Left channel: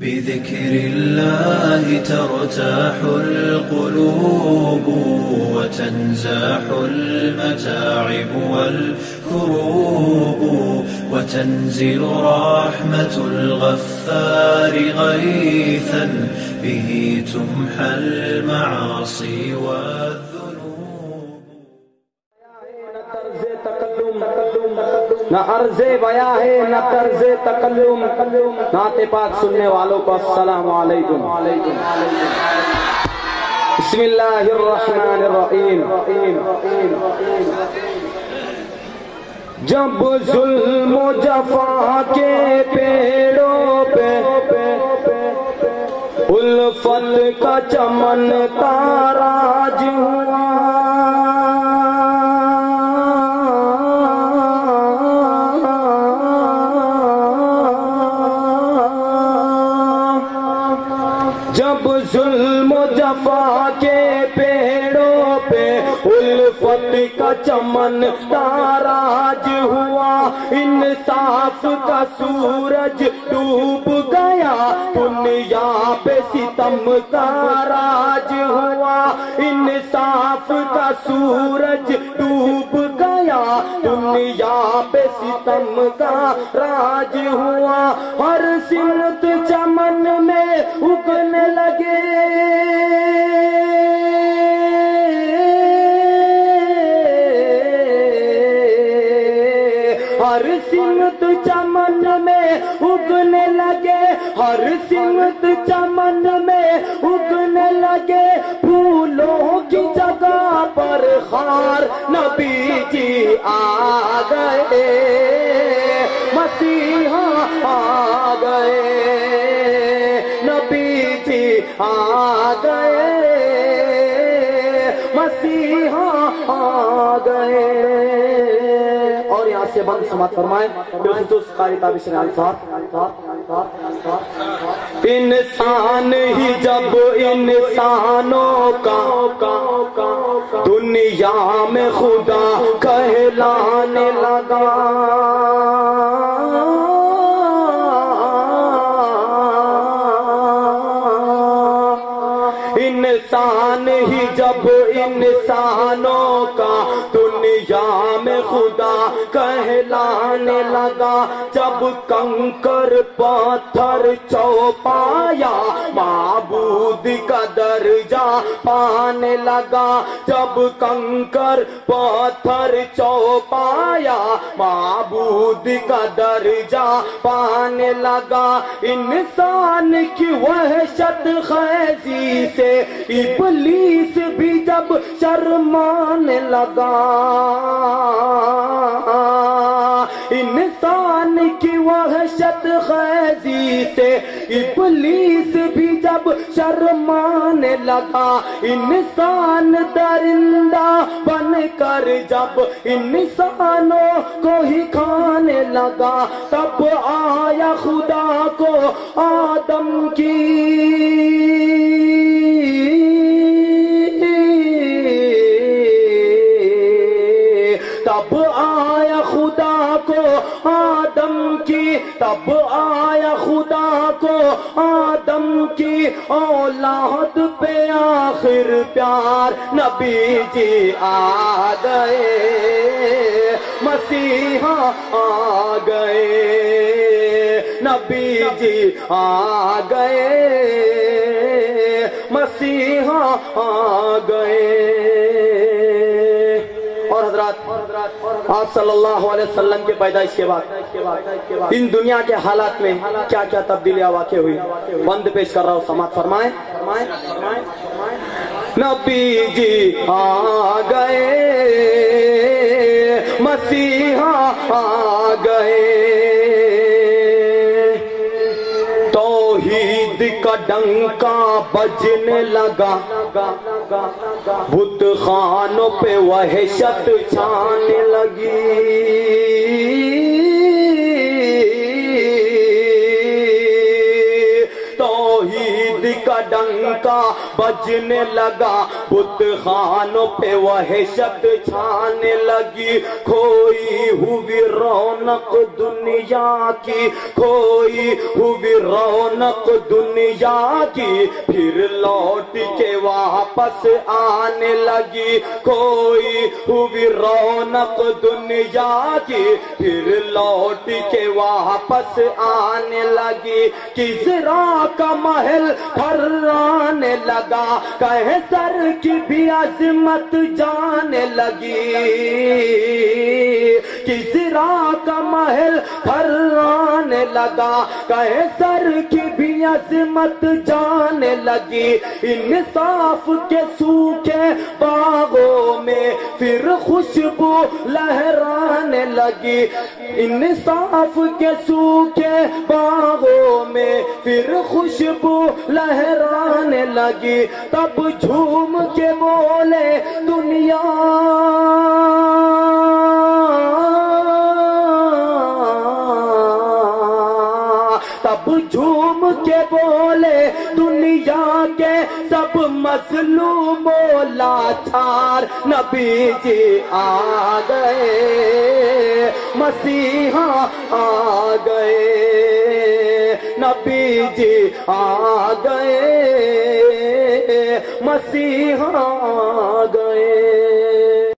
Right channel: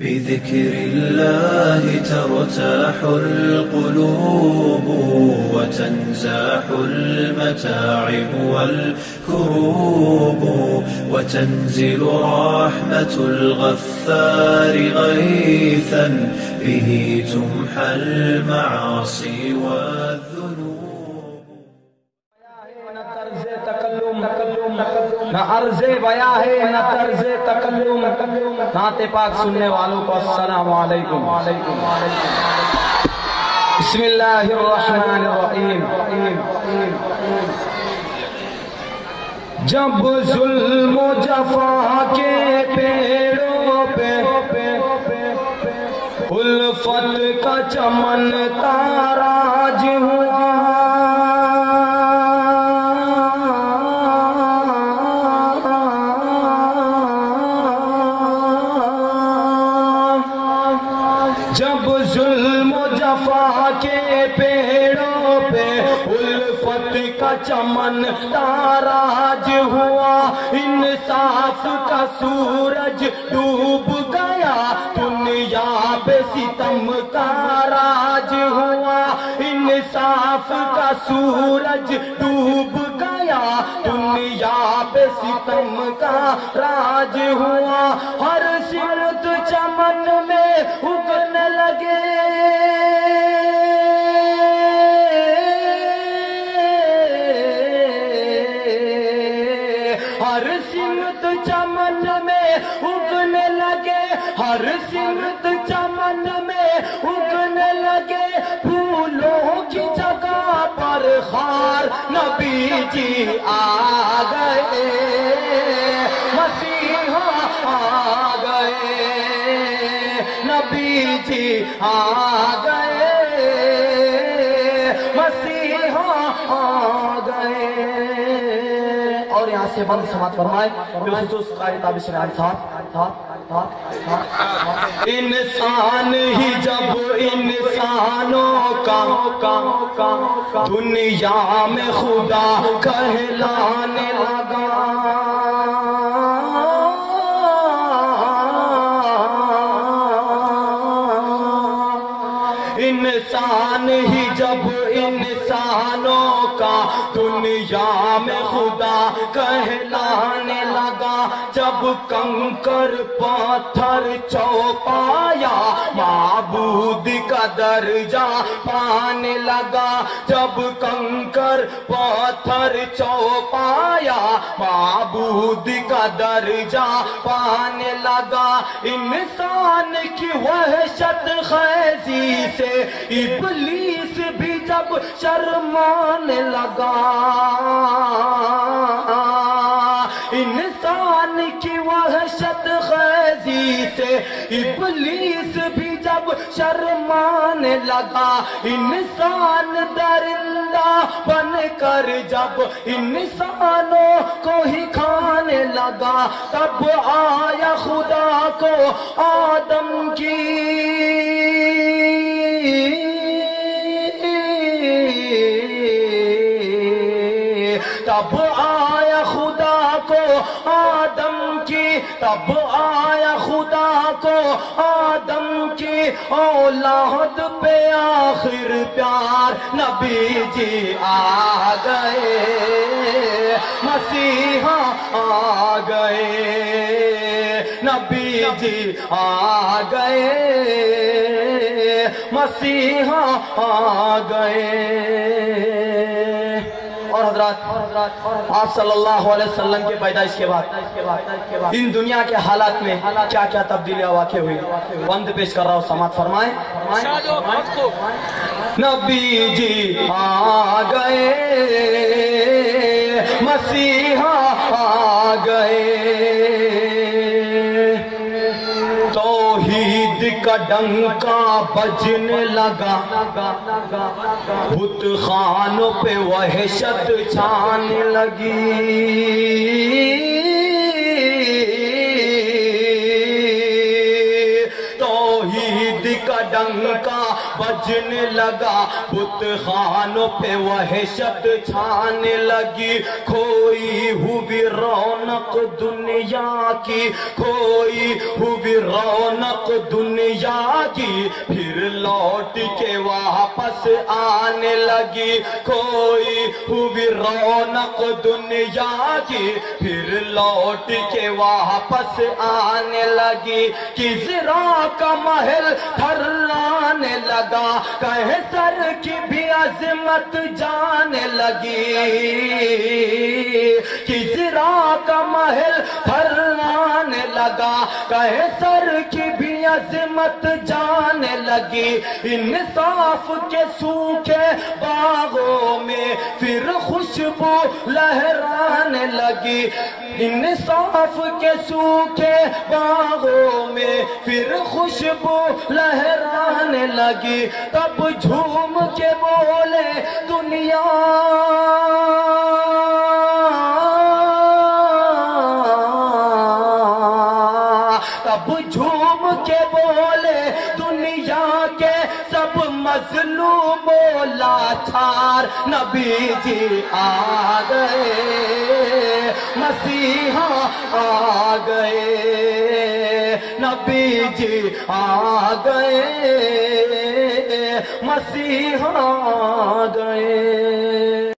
بذكر الله ترتاح القلوب وتنزاح المتاعب والكروب وتنزل رحمة الغفار غيثا به تمحى المعاصي والذنوب. نہ عرض بیاں ہے نہ طرز تقدم. نعت پاک سننے والوں کو السلام علیکم. بسم اللہ الرحمن الرحیم. جب ظلم و جفا کے پیڑوں پہ الفت کا چمن تاراج ہوا، جب ظلم و جفا کے پیڑوں پہ الفت کا چمن تاراج ہوا، انصاف کا سورج ڈوب گیا، دنیا پہ ستم کا راج ہوا. انصاف کا سورج ڈوب گیا، دنیا پہ ستم کا راج ہوا. ہر سمت چمن میں اگنے لگے ہر سمت چمن میں اگنے لگے، ہر سمت چمن میں اگنے لگے. پھولوں کی جگہ پر خار نبی جی آ گئے، مسیحا آ گئے، نبی جی آ گئے، مسیحا آ گئے. اور یہاں سے بند سماعت فرمائے بالخصوص قاری تابع شریعت صاحب. انسان ہی جب انسانوں کا دنیا میں خدا کہلانے لگا، انسان ہی جب انسانوں کا دنیا میں خدا کہلانے لگا، جب کنکر پتھر چوپایا معبود کا درجہ پانے لگا، جب کنکر پتھر چوپایا معبود کا درجہ پانے لگا. انسان کی وحشت خیزی سے ابلیس بھی جب شرمانے لگا، انسان کی وحشت خیزی سے ابلیس بھی جب شرمانے لگا. انسان درندہ بن کر جب انسانوں کو ہی کھانے لگا، تب آیا خدا کو آدم کی تب آیا خدا کو آدم کی، تب آیا خدا کو آدم کی اولاد پہ آخر پیار نبی جی آ گئے، مسیحا آ گئے، نبی جی آ گئے، مسیحا آ گئے. اور حضرات آپ صلی اللہ علیہ وسلم کے پیدائش کے بعد ان دنیا کے حالات میں کیا کیا تبدیلیاں واقع ہوئی، بند پیش کر رہا ہوں، سماعت فرمائیں. نبی جی آ گئے، مسیحا آ گئے، توحید کا ڈنکا بجنے لگا، بت خانوں پہ وحشت چھانے لگی. توحید کا ڈنکا بجنے لگا، بت خانوں پہ وحشت چھانے لگی. کوئی کھوئی ہوئی رونق دنیا کی، کھوئی ہوئی رونق دنیا کی، پھر لوٹ کے واپس آنے لگی، کھوئی ہوئی رونق دنیا کی، پھر لوٹ کے واپس آنے لگی، کسریٰ کا محل تھرانے لگا، قیصر کی بھی عظمت جانے لگی، کسریٰ کا محل تھرانے لگا، قیصر کی بھی عظمت جانے لگی، انصاف کے سوکھے باغوں میں پھر خوشبو لہرانے لگی، انصاف کے سوکھے باغوں میں پھر خوشبو لہرانے لگی، تب جھوم کے بولے دنیا، تب جھوم کے بولے دنیا کے سب مظلوموں لاچار، نبی جی آ گئے، مسیحا آ گئے، نبی جی آ گئے، مسیحا آ گئے۔